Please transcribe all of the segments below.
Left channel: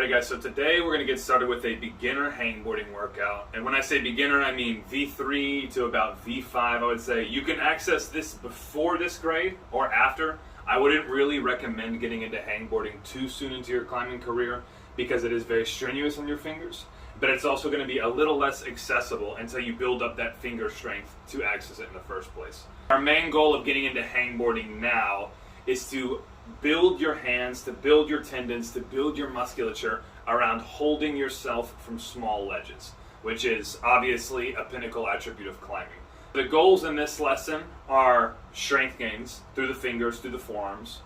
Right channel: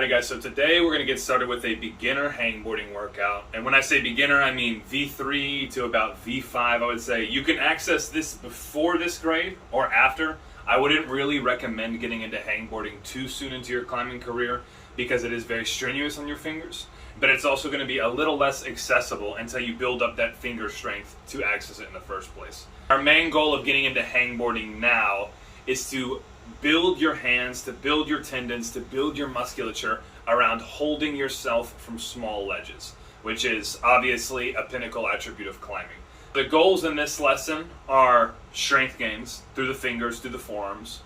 Alrighty guys, so today we're going to get started with a beginner hangboarding workout. And when I say beginner, I mean V3 to about V5, I would say. You can access this before this grade or after. I wouldn't really recommend getting into hangboarding too soon into your climbing career because it is very strenuous on your fingers. But it's also going to be a little less accessible until you build up that finger strength to access it in the first place. Our main goal of getting into hangboarding now is to build your hands, to build your tendons, to build your musculature around holding yourself from small ledges, which is obviously a pinnacle attribute of climbing. The goals in this lesson are strength gains through the fingers, through the forearms,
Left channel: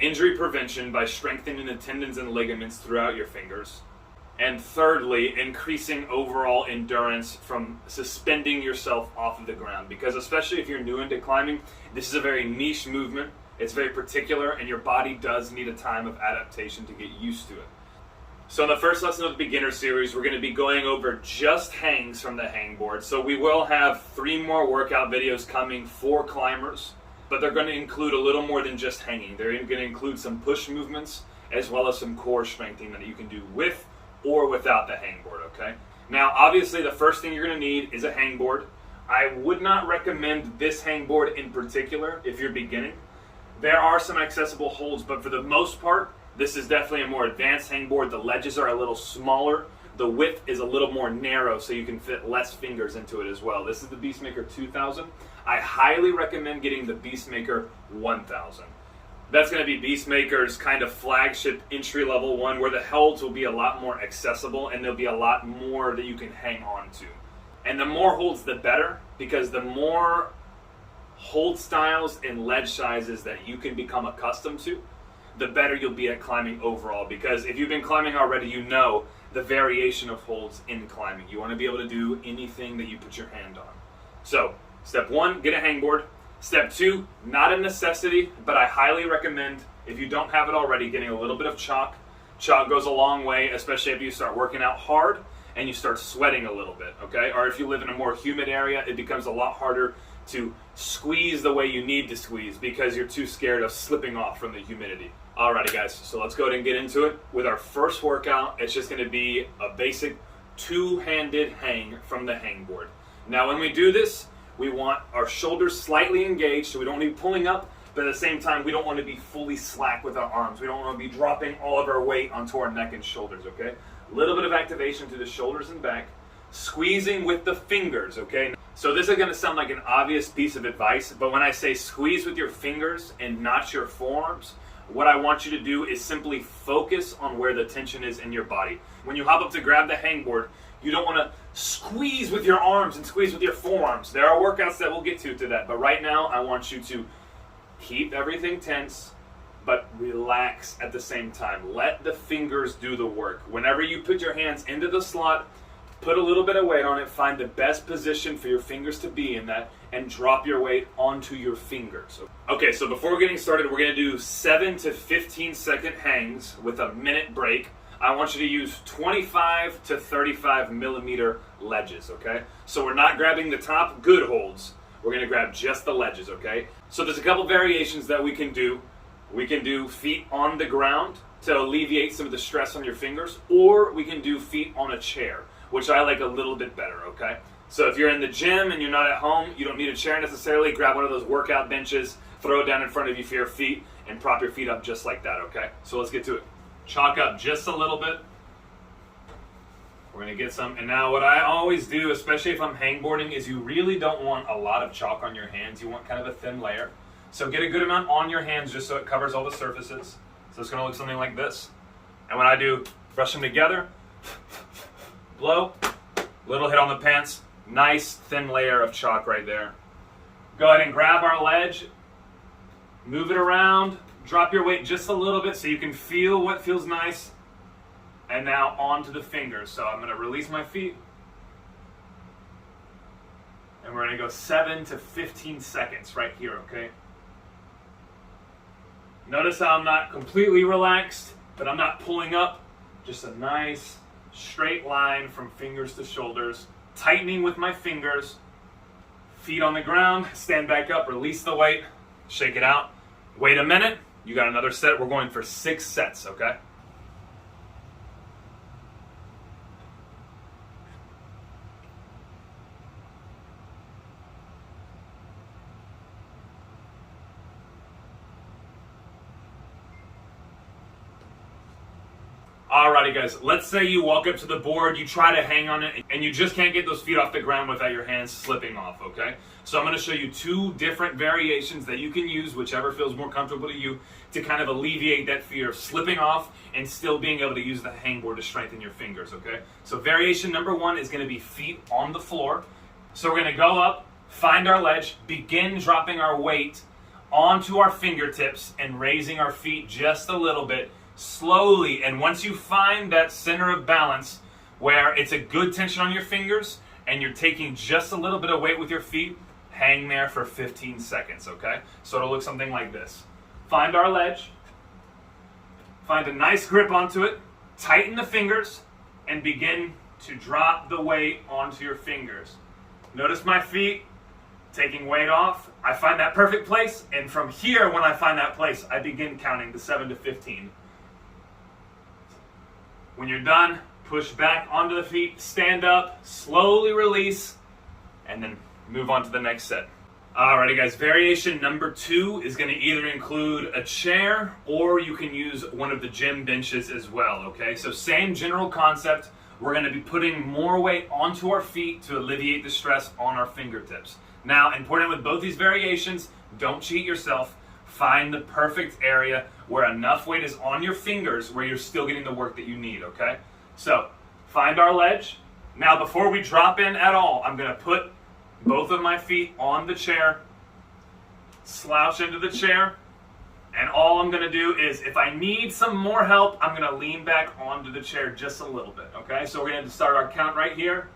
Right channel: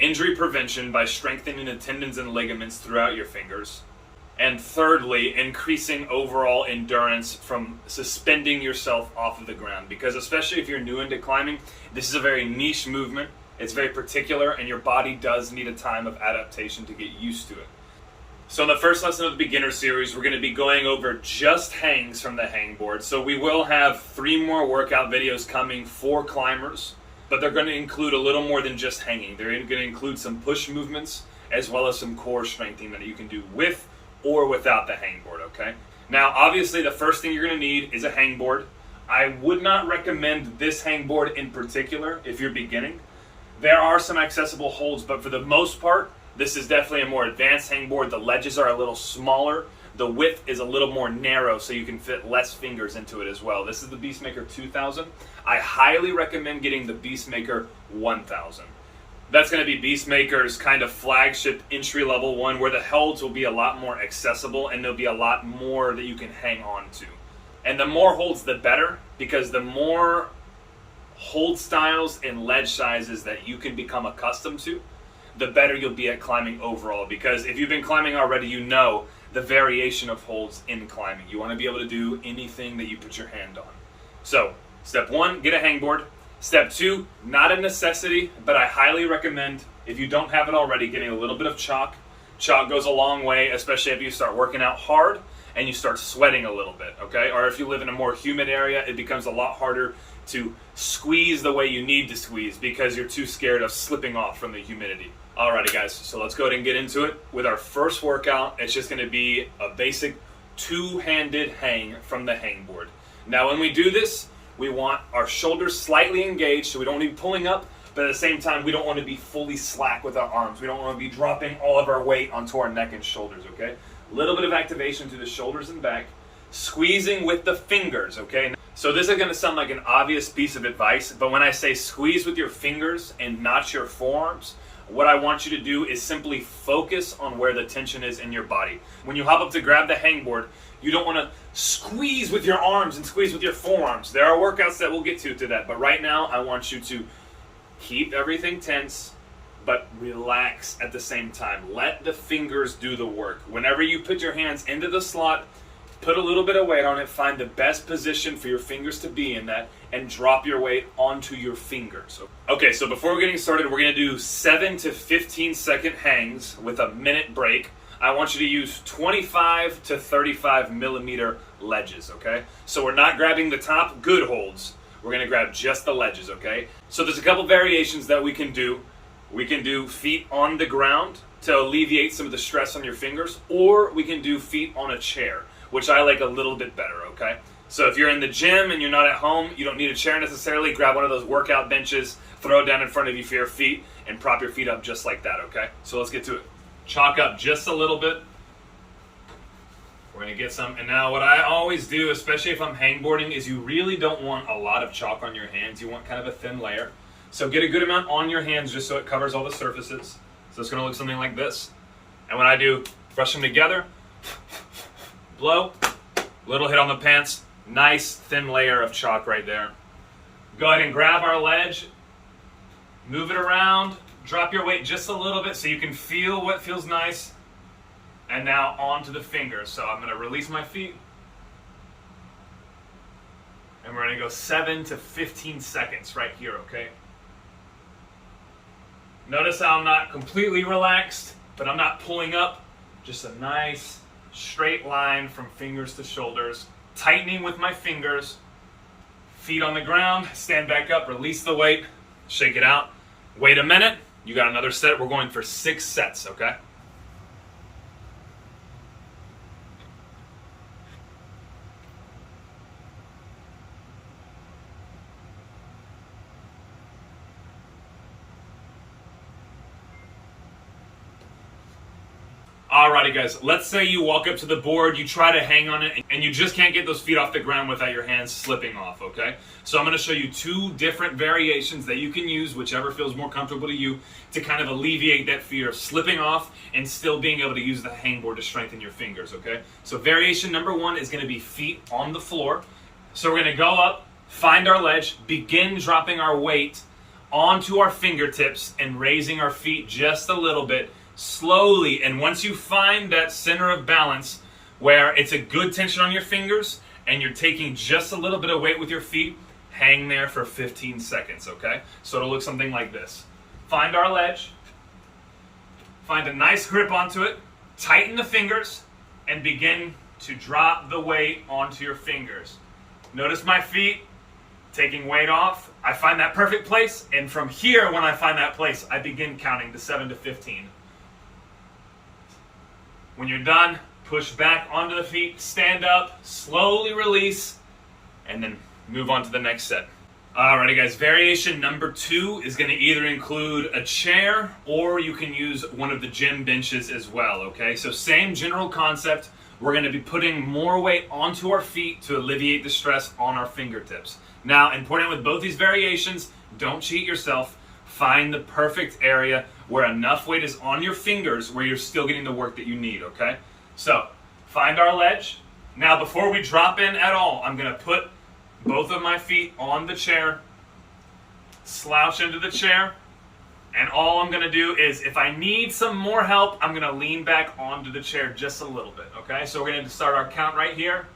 injury prevention by strengthening the tendons and ligaments throughout your fingers, and thirdly, increasing overall endurance from suspending yourself off of the ground, because especially if you're new into climbing, this is a very niche movement. It's very particular, and your body does need a time of adaptation to get used to it. So in the first lesson of the beginner series, we're going to be going over just hangs from the hangboard. So we will have 3 more workout videos coming for climbers, but they're going to include a little more than just hanging. They're going to include some push movements as well as some core strengthening that you can do with or without the hangboard, okay? Now, obviously, the first thing you're going to need is a hangboard. I would not recommend this hangboard in particular if you're beginning. There are some accessible holds, but for the most part, this is definitely a more advanced hangboard. The ledges are a little smaller. The width is a little more narrow, so you can fit less fingers into it as well. This is the Beastmaker 2000. I highly recommend getting the Beastmaker 1000. That's going to be Beastmaker's kind of flagship entry-level one, where the holds will be a lot more accessible and there'll be a lot more that you can hang on to. And the more holds, the better, because the more hold styles and ledge sizes that you can become accustomed to, the better you'll be at climbing overall. Because if you've been climbing already, you know the variation of holds in climbing. You want to be able to do anything that you put your hand on. So, step 1, get a hangboard. Step 2, not a necessity, but I highly recommend, if you don't have it already, getting a little bit of chalk. Chalk goes a long way, especially if you start working out hard and you start sweating a little bit, okay? Or if you live in a more humid area, it becomes a lot harder to squeeze the way you need to squeeze because you're too scared of slipping off from the humidity. Alrighty guys, so let's go ahead and get into it. With our first workout, it's just gonna be a basic 2-handed hang from the hangboard. Now when we do this, we want our shoulders slightly engaged, so we don't want to be pulling up, but at the same time, we don't want to be fully slack with our arms. We don't want to be dropping all of our weight onto our neck and shoulders, okay? A little bit of activation to the shoulders and back, squeezing with the fingers, okay? So this is going to sound like an obvious piece of advice, but when I say squeeze with your fingers and not your forearms, what I want you to do is simply focus on where the tension is in your body. When you hop up to grab the hangboard, you don't want to squeeze with your arms and squeeze with your forearms. There are workouts that we'll get to that, but right now I want you to keep everything tense, but relax at the same time. Let the fingers do the work. Whenever you put your hands into the slot, put a little bit of weight on it, find the best position for your fingers to be in that, and drop your weight onto your fingers. Okay, so before getting started, we're going to do 7 to 15 second hangs with a minute break. I want you to use 25 to 35 millimeter ledges, okay? So we're not grabbing the top good holds. We're going to grab just the ledges, okay? So there's a couple variations that we can do. We can do feet on the ground to alleviate some of the stress on your fingers, or we can do feet on a chair, which I like a little bit better, okay? So if you're in the gym and you're not at home, you don't need a chair necessarily. Grab one of those workout benches, throw it down in front of you for your feet, and prop your feet up just like that, okay? So let's get to it. Chalk up just a little bit. We're going to get some. And now what I always do, especially if I'm hangboarding, is you really don't want a lot of chalk on your hands. You want kind of a thin layer. So get a good amount on your hands just so it covers all the surfaces. So it's going to look something like this. And when I do, brush them together, blow, little hit on the pants, nice thin layer of chalk right there. Go ahead and grab our ledge, move it around, drop your weight just a little bit so you can feel what feels nice. And now onto the fingers. So I'm going to release my feet. And we're going to go 7 to 15 seconds right here, okay? Notice how I'm not completely relaxed, but I'm not pulling up. Just a nice straight line from fingers to shoulders. Tightening with my fingers. Feet on the ground. Stand back up. Release the weight. Shake it out. Wait a minute. You got another set. We're going for 6 sets, okay? Alrighty guys, let's say you walk up to the board, you try to hang on it, and you just can't get those feet off the ground without your hands slipping off, okay? So I'm going to show you 2 different variations that you can use, whichever feels more comfortable to you, to kind of alleviate that fear of slipping off and still being able to use the hangboard to strengthen your fingers, okay? So variation number 1 is going to be feet on the floor. So we're going to go up, find our ledge, begin dropping our weight onto our fingertips and raising our feet just a little bit, slowly. And once you find that center of balance where it's a good tension on your fingers and you're taking just a little bit of weight with your feet, hang there for 15 seconds, okay? So it'll look something like this. Find our ledge, find a nice grip onto it, tighten the fingers, and begin to drop the weight onto your fingers. Notice my feet taking weight off. I find that perfect place, and from here, when I find that place, I begin counting to 7 to 15. When you're done, push back onto the feet, stand up, slowly release, and then move on to the next set. Alrighty guys, variation number 2 is going to either include a chair or you can use one of the gym benches as well, okay? So same general concept. We're going to be putting more weight onto our feet to alleviate the stress on our fingertips. Now, important with both these variations, don't cheat yourself. Find the perfect area where enough weight is on your fingers where you're still getting the work that you need, okay? So, find our ledge. Now, before we drop in at all, I'm going to put both of my feet on the chair, slouch into the chair, and all I'm going to do is, if I need some more help, I'm going to lean back onto the chair just a little bit, okay? So we're going to start our count right here.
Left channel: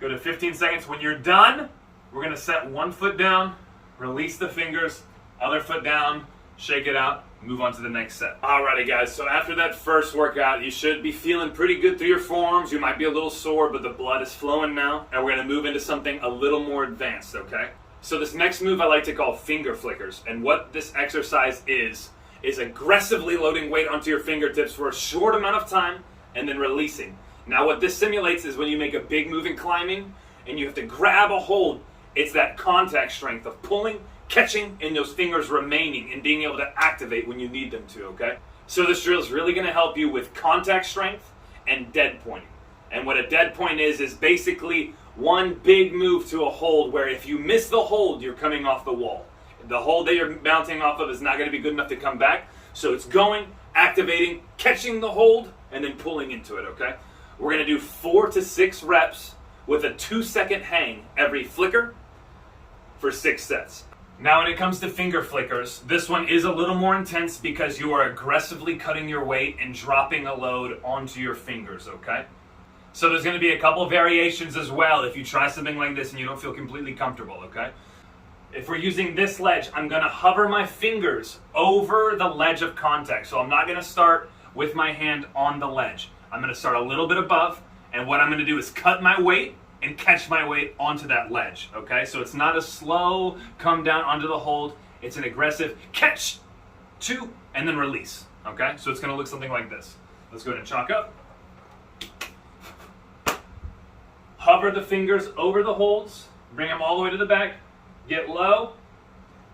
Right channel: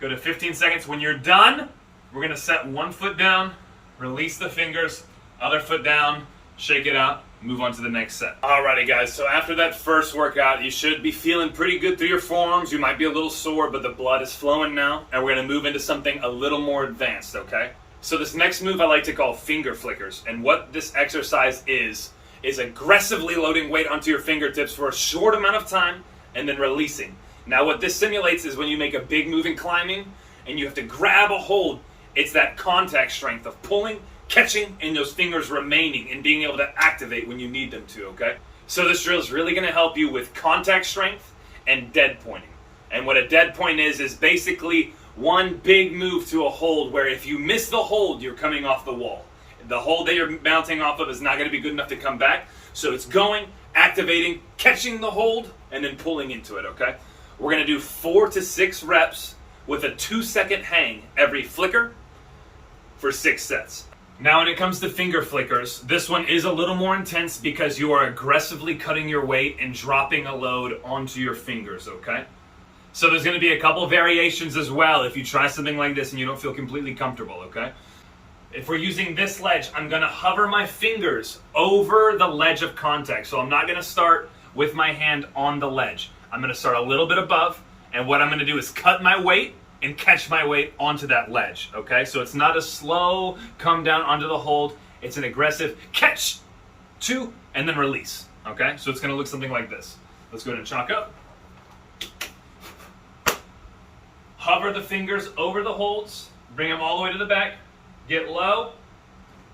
Go to 15 seconds. When you're done, we're going to set one foot down, release the fingers, other foot down, shake it out, move on to the next set. Alrighty guys, so after that first workout, you should be feeling pretty good through your forearms. You might be a little sore, but the blood is flowing now, and we're going to move into something a little more advanced, okay? So this next move I like to call finger flickers, and what this exercise is aggressively loading weight onto your fingertips for a short amount of time and then releasing. Now what this simulates is when you make a big move in climbing and you have to grab a hold, it's that contact strength of pulling, catching, and those fingers remaining and being able to activate when you need them to, okay? So this drill is really going to help you with contact strength and dead pointing. And what a dead point is basically one big move to a hold where if you miss the hold, you're coming off the wall. The hold that you're bouncing off of is not going to be good enough to come back. So it's going, activating, catching the hold, and then pulling into it, okay? We're going to do 4 to 6 reps with a 2-second hang every flicker for 6 sets. Now when it comes to finger flickers, this one is a little more intense because you are aggressively cutting your weight and dropping a load onto your fingers, okay? So there's going to be a couple variations as well if you try something like this and you don't feel completely comfortable, okay? If we're using this ledge, I'm going to hover my fingers over the ledge of contact. So I'm not going to start with my hand on the ledge. I'm going to start a little bit above, and what I'm going to do is cut my weight and catch my weight onto that ledge, okay? So it's not a slow come down onto the hold. It's an aggressive catch, 2, and then release, okay? So it's going to look something like this. Let's go ahead and chalk up. Hover the fingers over the holds, bring them all the way to the back, get low,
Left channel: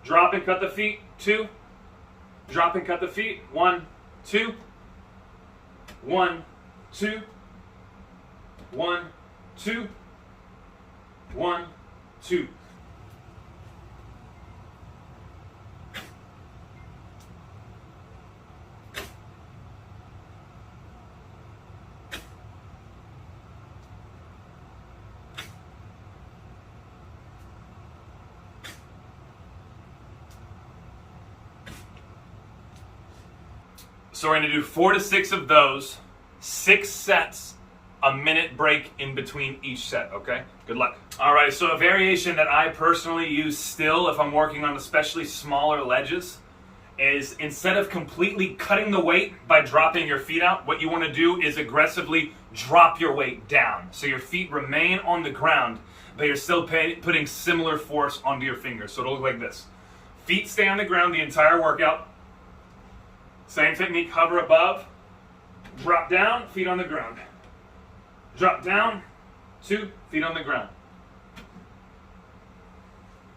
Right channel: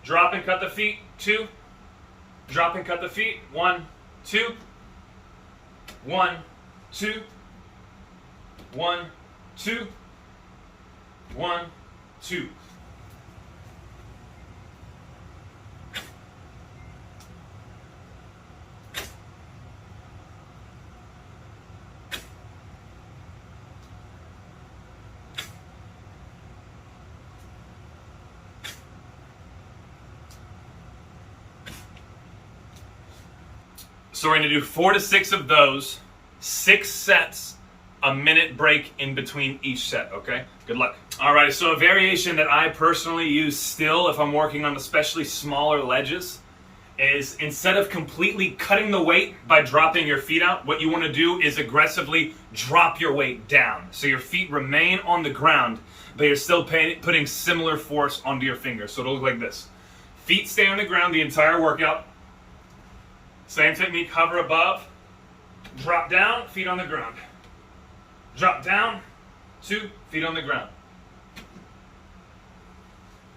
drop and cut the feet, 2, drop and cut the feet, 1, 2, 1, 2, 1, 2, 1, 2. So we're going to do 4 to 6 of those, 6 sets, a minute break in between each set, okay? Good luck. All right, so a variation that I personally use still if I'm working on especially smaller ledges is instead of completely cutting the weight by dropping your feet out, what you want to do is aggressively drop your weight down. So your feet remain on the ground, but you're still putting similar force onto your fingers. So it'll look like this. Feet stay on the ground the entire workout. Same technique, hover above, drop down, feet on the ground. Drop down, 2, feet on the ground.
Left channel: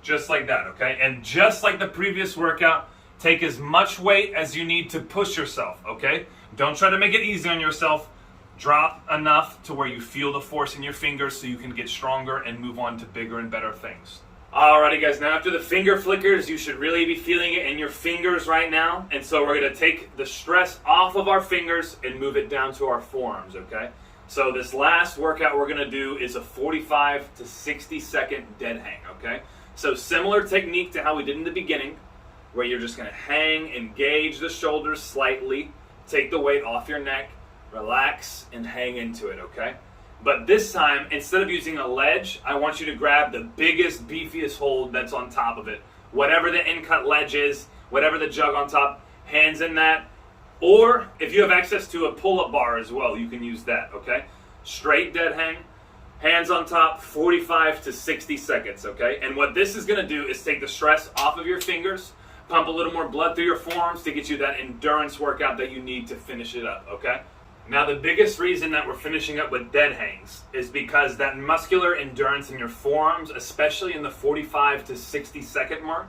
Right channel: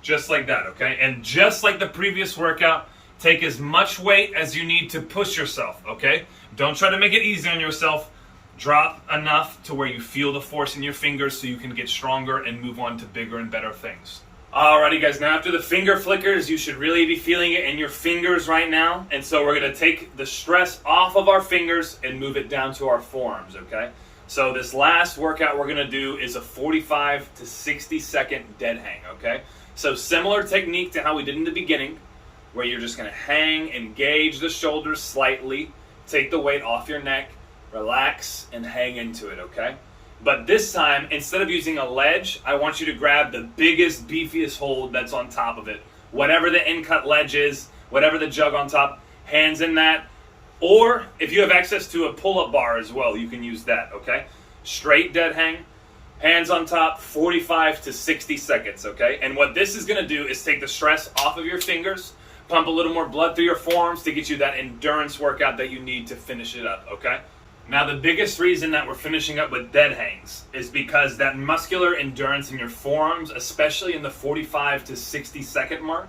Just like that, okay? And just like the previous workout, take as much weight as you need to push yourself, okay? Don't try to make it easy on yourself. Drop enough to where you feel the force in your fingers so you can get stronger and move on to bigger and better things. Alrighty guys, now after the finger flickers, you should really be feeling it in your fingers right now. And so we're going to take the stress off of our fingers and move it down to our forearms, okay? So this last workout we're going to do is a 45 to 60 second dead hang, okay? So similar technique to how we did in the beginning, where you're just going to hang, engage the shoulders slightly, take the weight off your neck, relax, and hang into it, okay? But this time, instead of using a ledge, I want you to grab the biggest, beefiest hold that's on top of it. Whatever the in-cut ledge is, whatever the jug on top, hands in that. Or if you have access to a pull-up bar as well, you can use that, okay? Straight dead hang, hands on top, 45 to 60 seconds, okay? And what this is going to do is take the stress off of your fingers, pump a little more blood through your forearms to get you that endurance workout that you need to finish it up, okay? Now, the biggest reason that we're finishing up with dead hangs is because that muscular endurance in your forearms, especially in the 45 to 60 second mark,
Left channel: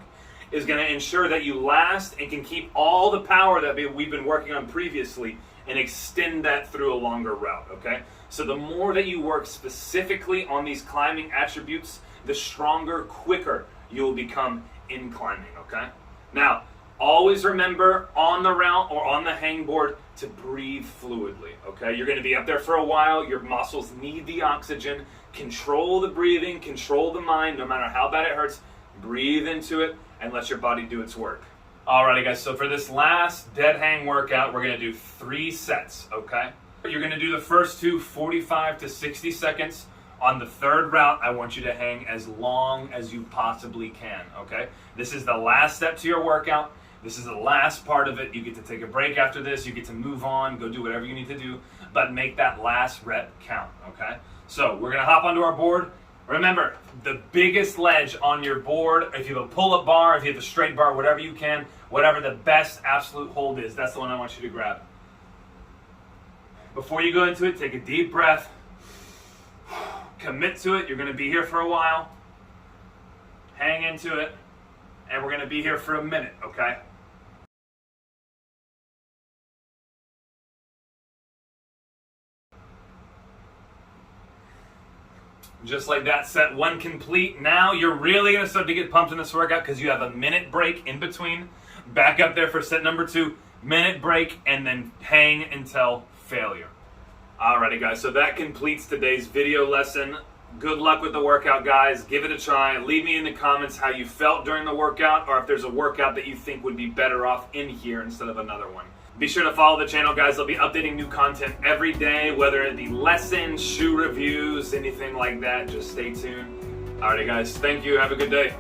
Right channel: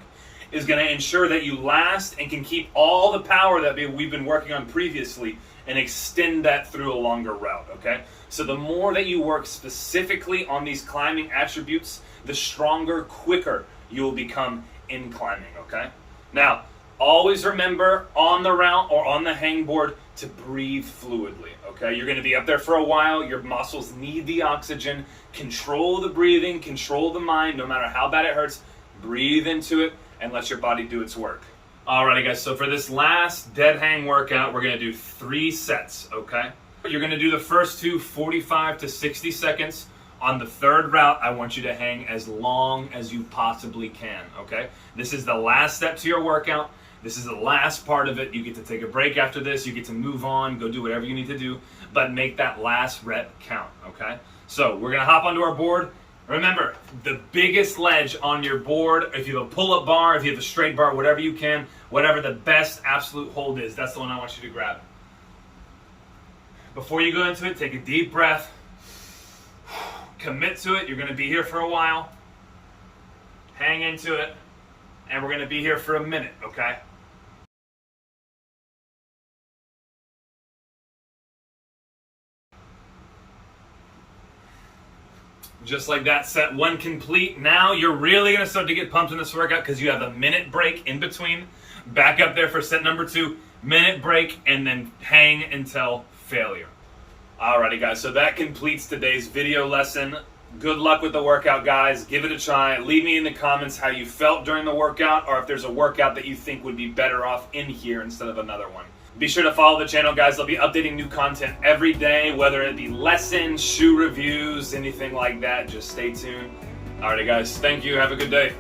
is going to ensure that you last and can keep all the power that we've been working on previously and extend that through a longer route, okay? So the more that you work specifically on these climbing attributes, the stronger, quicker you will become in climbing, okay? Now, always remember on the route or on the hangboard to breathe fluidly, okay? You're going to be up there for a while. Your muscles need the oxygen. Control the breathing, control the mind, no matter how bad it hurts. Breathe into it and let your body do its work. Alrighty guys, so for this last dead hang workout, we're going to do 3 sets, okay? You're going to do the first two 45 to 60 seconds. On the third route, I want you to hang as long as you possibly can, okay? This is the last step to your workout. This is the last part of it. You get to take a break after this. You get to move on, go do whatever you need to do, but make that last rep count, okay? So we're going to hop onto our board. Remember, the biggest ledge on your board, if you have a pull-up bar, if you have a straight bar, whatever you can, whatever the best absolute hold is, that's the one I want you to grab. Before you go into it, take a deep breath. Commit to it. You're going to be here for a while. Hang into it. And we're going to be here for a minute, okay? Just like that, set 1 complete. Now you're really going to start to get pumped in this workout because you have a minute break in between. Back up there for set number 2. Minute break and then hang until failure. Alrighty guys, so that completes today's video lesson. Good luck with the workout, guys. Give it a try. Leave me in the comments how you felt during the workout or if there's a workout that you think would be better off in here instead of another one. Be sure to follow the channel, guys. I'll be updating new content every day, whether it be lessons, shoe reviews, anything like that. Just stay tuned. Alrighty guys, thank you. Have a good day.